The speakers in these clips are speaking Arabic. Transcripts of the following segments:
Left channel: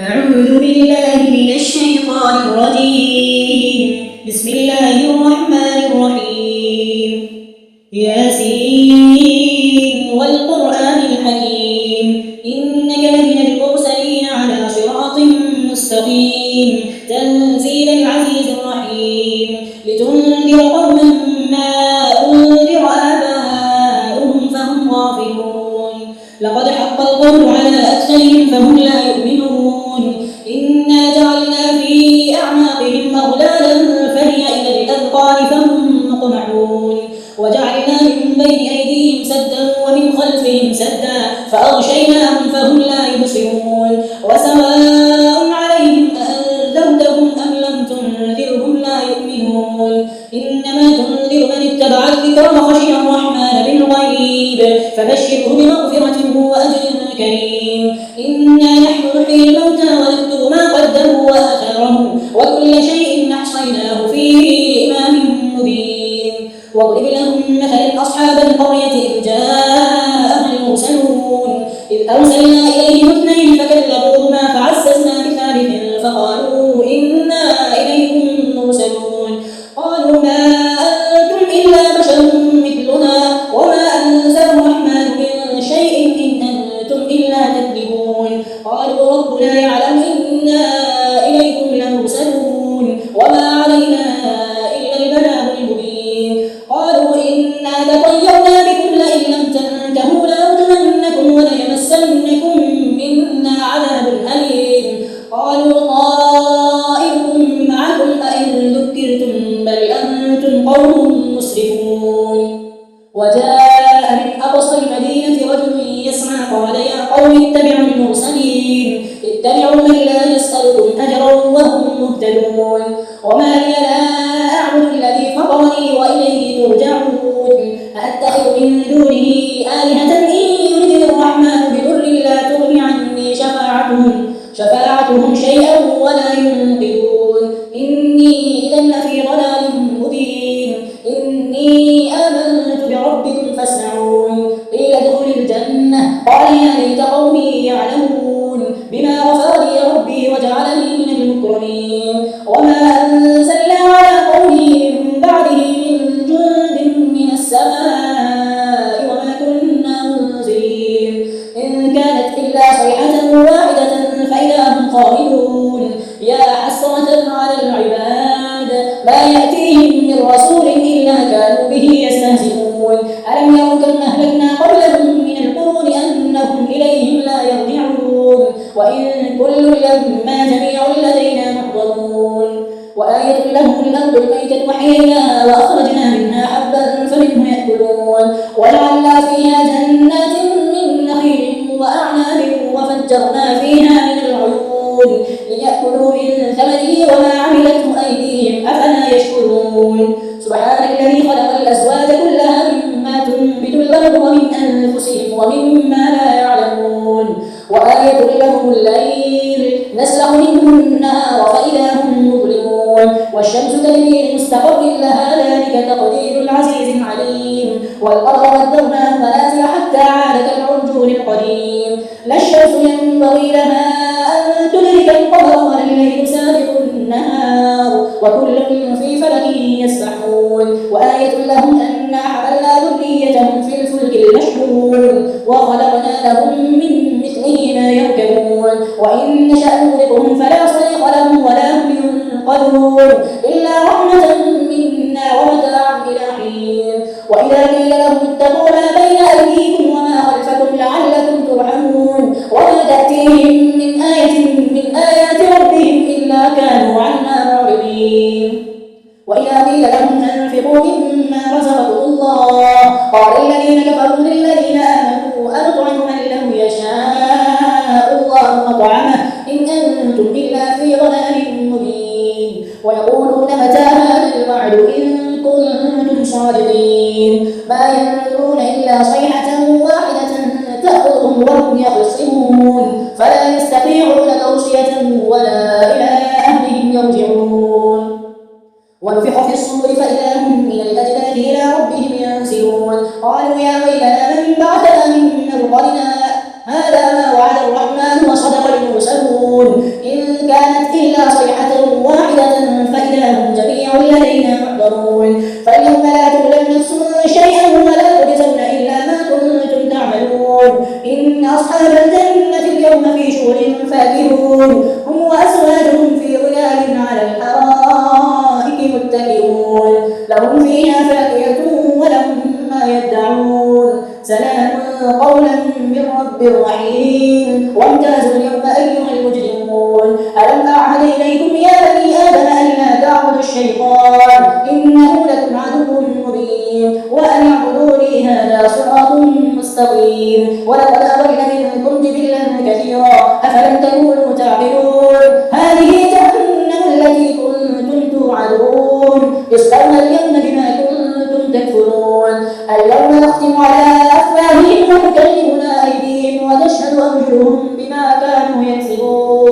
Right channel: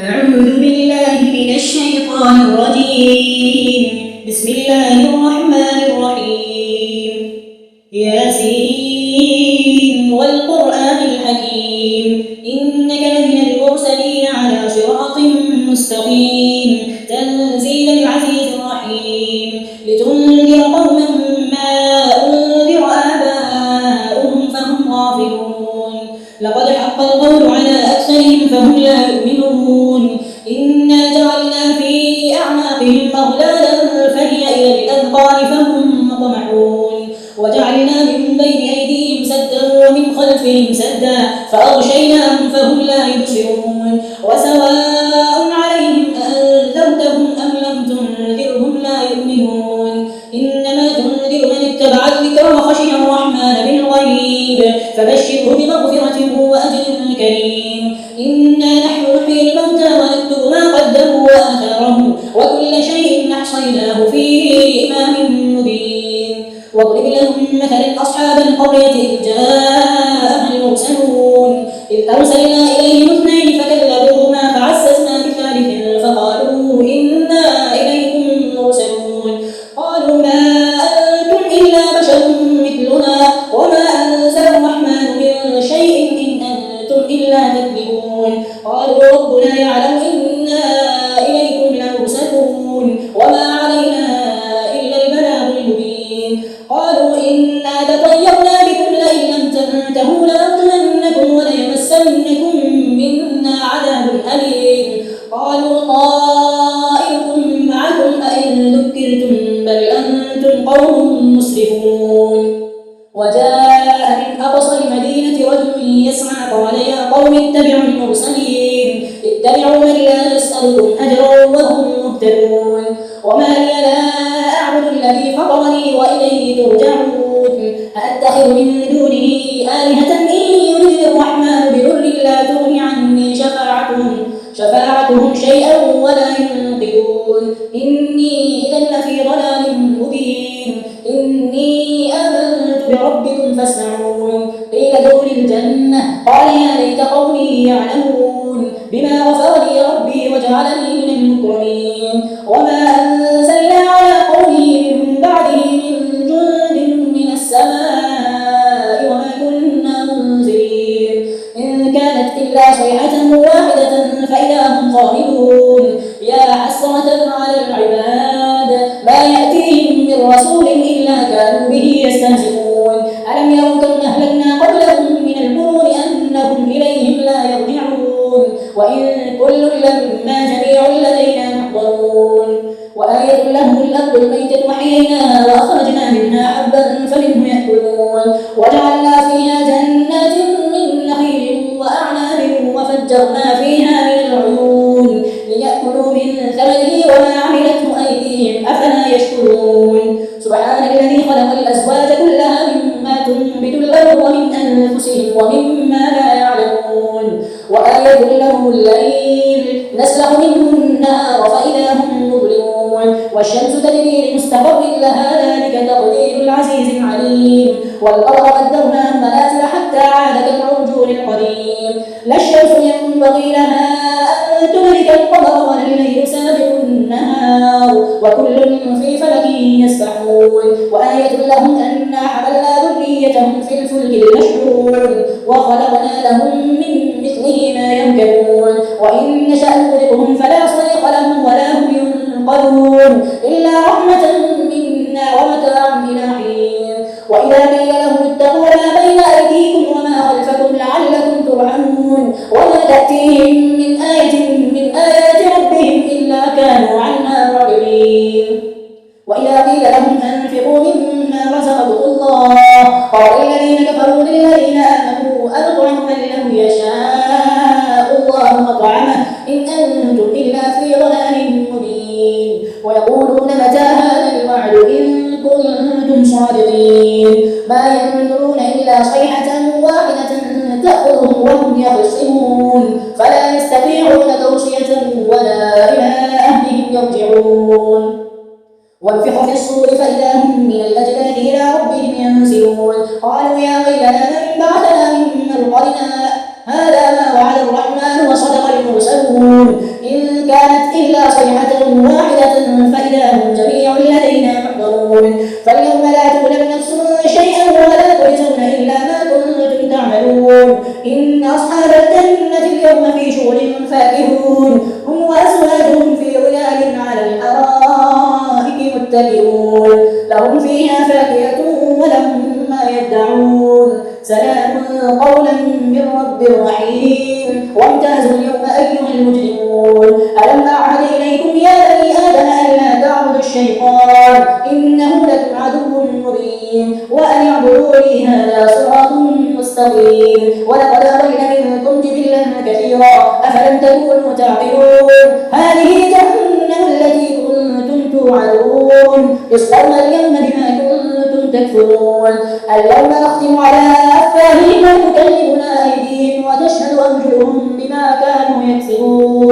أعوذ بالله من الشيطان الرجيم. بسم الله الرحمن الرحيم. ياسين والقرآن الحكيم إنك لمن المرسلين على صراط مستقيم تنزيل العزيز الرحيم لتنذر قوما ما أنذر آباؤهم فهم غافلون لقد حق القول على أكثرهم فهم لا يؤمنون إنا جعلنا في أعناقهم أغلالا فهي إلى الأذقان فهم مقمحون وجعلنا من بين أيديهم سدا ومن خلفهم سدا فأغشيناهم فهم لا يبصرون وسواء عليهم أنذرتهم أم لم تنذرهم لا يؤمنون إنما تنذر من اتبع الذكر وخشي الرحمن بالغيب فبشره بمغفرة وأجر كريم. إنا نحن نحيي الموتى ونكتب ما قدموا وآثارهم وكل شيء أحصيناه في إمام مبين. واضرب لهم مثلا أصحاب القرية إذ جاءها المرسلون إذ أرسلنا إليهم اثنين فكذبوهما فعززنا بثالث فقالوا إنا إليكم مرسلون قالوا ما أنتم إلا بشر مثلنا وما أنزل الرحمن من شيء إن أنتم إلا تكذبون قالوا ربنا يعلم إنا إليكم لمرسلون وما علينا إلا البلاغ المبين. قالوا إنا لطيرنا بكم لئن لم تنتهوا لنرجمنكم وليمسنكم منا عذاب أليم. قالوا طائركم معكم أئن ذكرتم بل أنتم قوم مسرفون. وجاء من أقصى المدينة رجل يسعى قال يا قوم اتبعوا المرسلين اتبعوا من لا يسألكم أجرا وهم مهتدون وما لي لا أعبد الذي فطرني وإليه ترجعون أأتخذ من دونه آلهة إن يردني الرحمن بضر لا تغن عني شفاعتهم شيئا ولا ينقذون إني إذا لفي ضلال مبين. إني آمنت بربكم فاسمعون قيل ادخل الجنة قال يا ليت قومي يعلمون بما غفر لي ربي وجعلني من المكرمين. وما أنزلنا على قومه من بعده من جند من السماء وما كنا منزلين إن كانت إلا صيحة واحدة فإذا هم خامدون يا حسرة على العباد ما يأتيهم من رسول إلا كانوا به يستهزئون ألم يروا كم أهلكنا قبلهم من القرون أنهم إليهم لا يرجعون وإن كل لما جميع لدينا محضرون. وآية لهم الأرض الميتة أحييناها وأخرجنا منها حبا فمنه يأكلون وجعلنا فيها جنات من نخيل وأعناب وفجرنا فيها من العيون ليأكلوا من ثمره وما عملته أيديهم أفلا يشكرون. سبحان الذي خلق الأزواج كلها مما تنبت الأرض ومن أنفسهم ومما لا يعلمون. وآية لهم الليل نسلخ منه النهار فإذا هم مظلمون والشمس تجري لمستقر لها ذلك تقدير العزيز العليم. والأرض قدرناها منازل حتى عاد كالعرجون القديم لا الشمس ينبغي لها أن تدرك القمر ولا الليل سابق النهار وكل في فلك يسبحون. وآية لهم أنا حملنا ذريتهم في الفلك المشحون وخلقنا لهم من مثله ما يركبون وإن نشأ نغرقهم فلا صريخ لهم ولا هم ينقذون إلا رحمة منا ومتاعا إلى حين. وإذا قيل لهم اتقوا ما بين أيديكم وما خلفكم لعلكم ترحمون وما تأتيهم من آية من آيات ربهم إلا كانوا عنها معرضين. وإذا قيل لهم أنفقوا مما رزقكم الله قال الذين كفروا للذين آمنوا أنطعم من لو يشاء الله مطعمه إن أنتم إلا في ضلال مبين. ويقولون متى هذا إن كانت إلا صيحة واحدة فإذا هم جميع لدينا محضرون فاليوم لا تظلم نفس شيئا ولا تجزون إلا ما كنتم تعملون إن أصحاب الجنة اليوم في شغل فاكهون هم وأزواجهم في ظلال على الأرائك متكئون لهم فيها فاكهة ولهم ما يدعون سلام قولا من رب رحيم وامتازوا اليوم أيها المجرمون ألم أعهد إليكم يا بني آدم ألا تعبدوا الشيطان إنه لكم عدو مبين وأن اعبدوني هذا صراط مستقيم ولقد أرينا منكم جبلا كثيرا أفلم تكونوا تعقلون هذه جهنم التي كنتم توعدون يصلون اليوم بما كنتم تكفرون اليوم نختم على أفواههم وتكلمنا أيديهم وتشهد أرجلهم بما كانوا يكسبون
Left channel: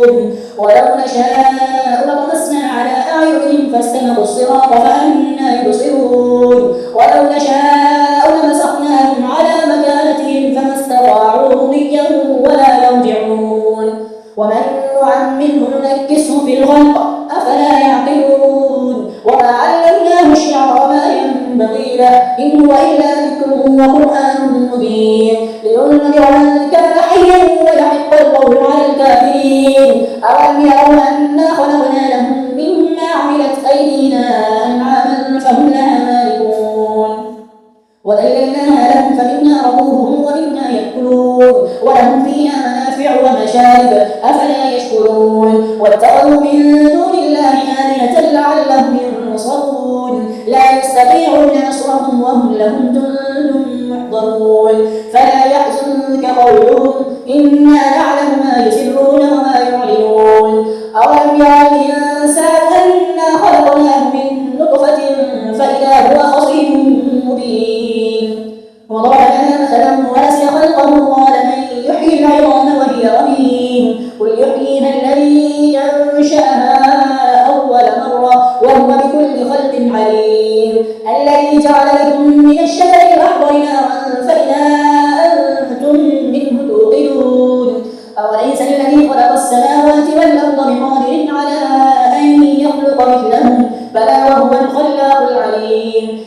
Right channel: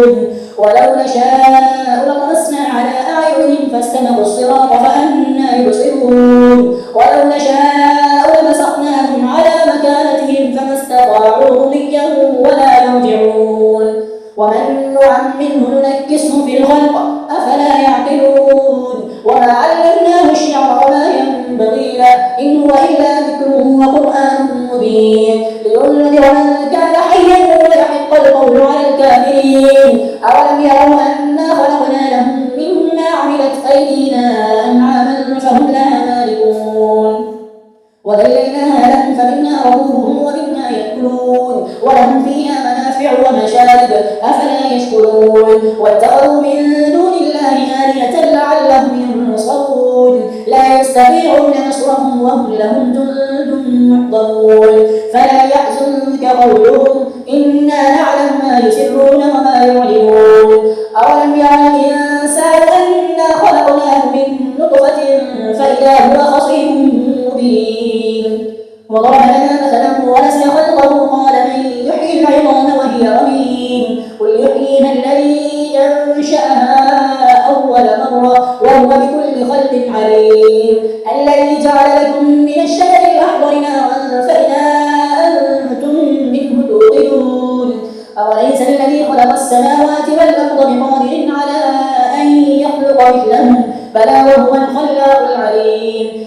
ولو نشاء لطمسنا على أعينهم فاستبقوا الصراط فأنى يبصرون ولو نشاء لمسخناهم على مكانتهم فما استطاعوا مضيا ولا يرجعون ومن نعمره ننكسه في الخلق أفلا يعقلون وما علمناه الشعر وما ينبغي له إن هو إلا ذكر وقرآن مبين لينذر من كان حيا ويحق القول على الكافرين أولم يروا أنا خلقنا لهم مما عملت أيدينا أنعاما فهم لها مالكون وذللناها لهم فمنها ركوبهم ومنها يأكلون ولهم فيها منافع ومشارب أفلا يشكرون واتخذوا من دون الله آلهة لعلهم ينصرون لا يستطيعون نصرهم وهم لهم جند محضرون فلا يحزنك قولهم إنا نعلم ما يسرون وما يعلنون أولم يرى الإنسان أنا خلقناه من نطفة فإذا هو خصيم مبين وضرب لنا مثلا ونسى خلقه قال من يحيي العظام وهي رميم قل يحييها الذي أنشأها أول مرة وهو بكل خلق عليم الذي جعل لكم من الشجر الأخضر نارا فإذا أنتم منه توقدون أوليس الذي خلق السماوات والأرض بقادر على أن يخلق مثلهم بلى وهو الخلاق العليم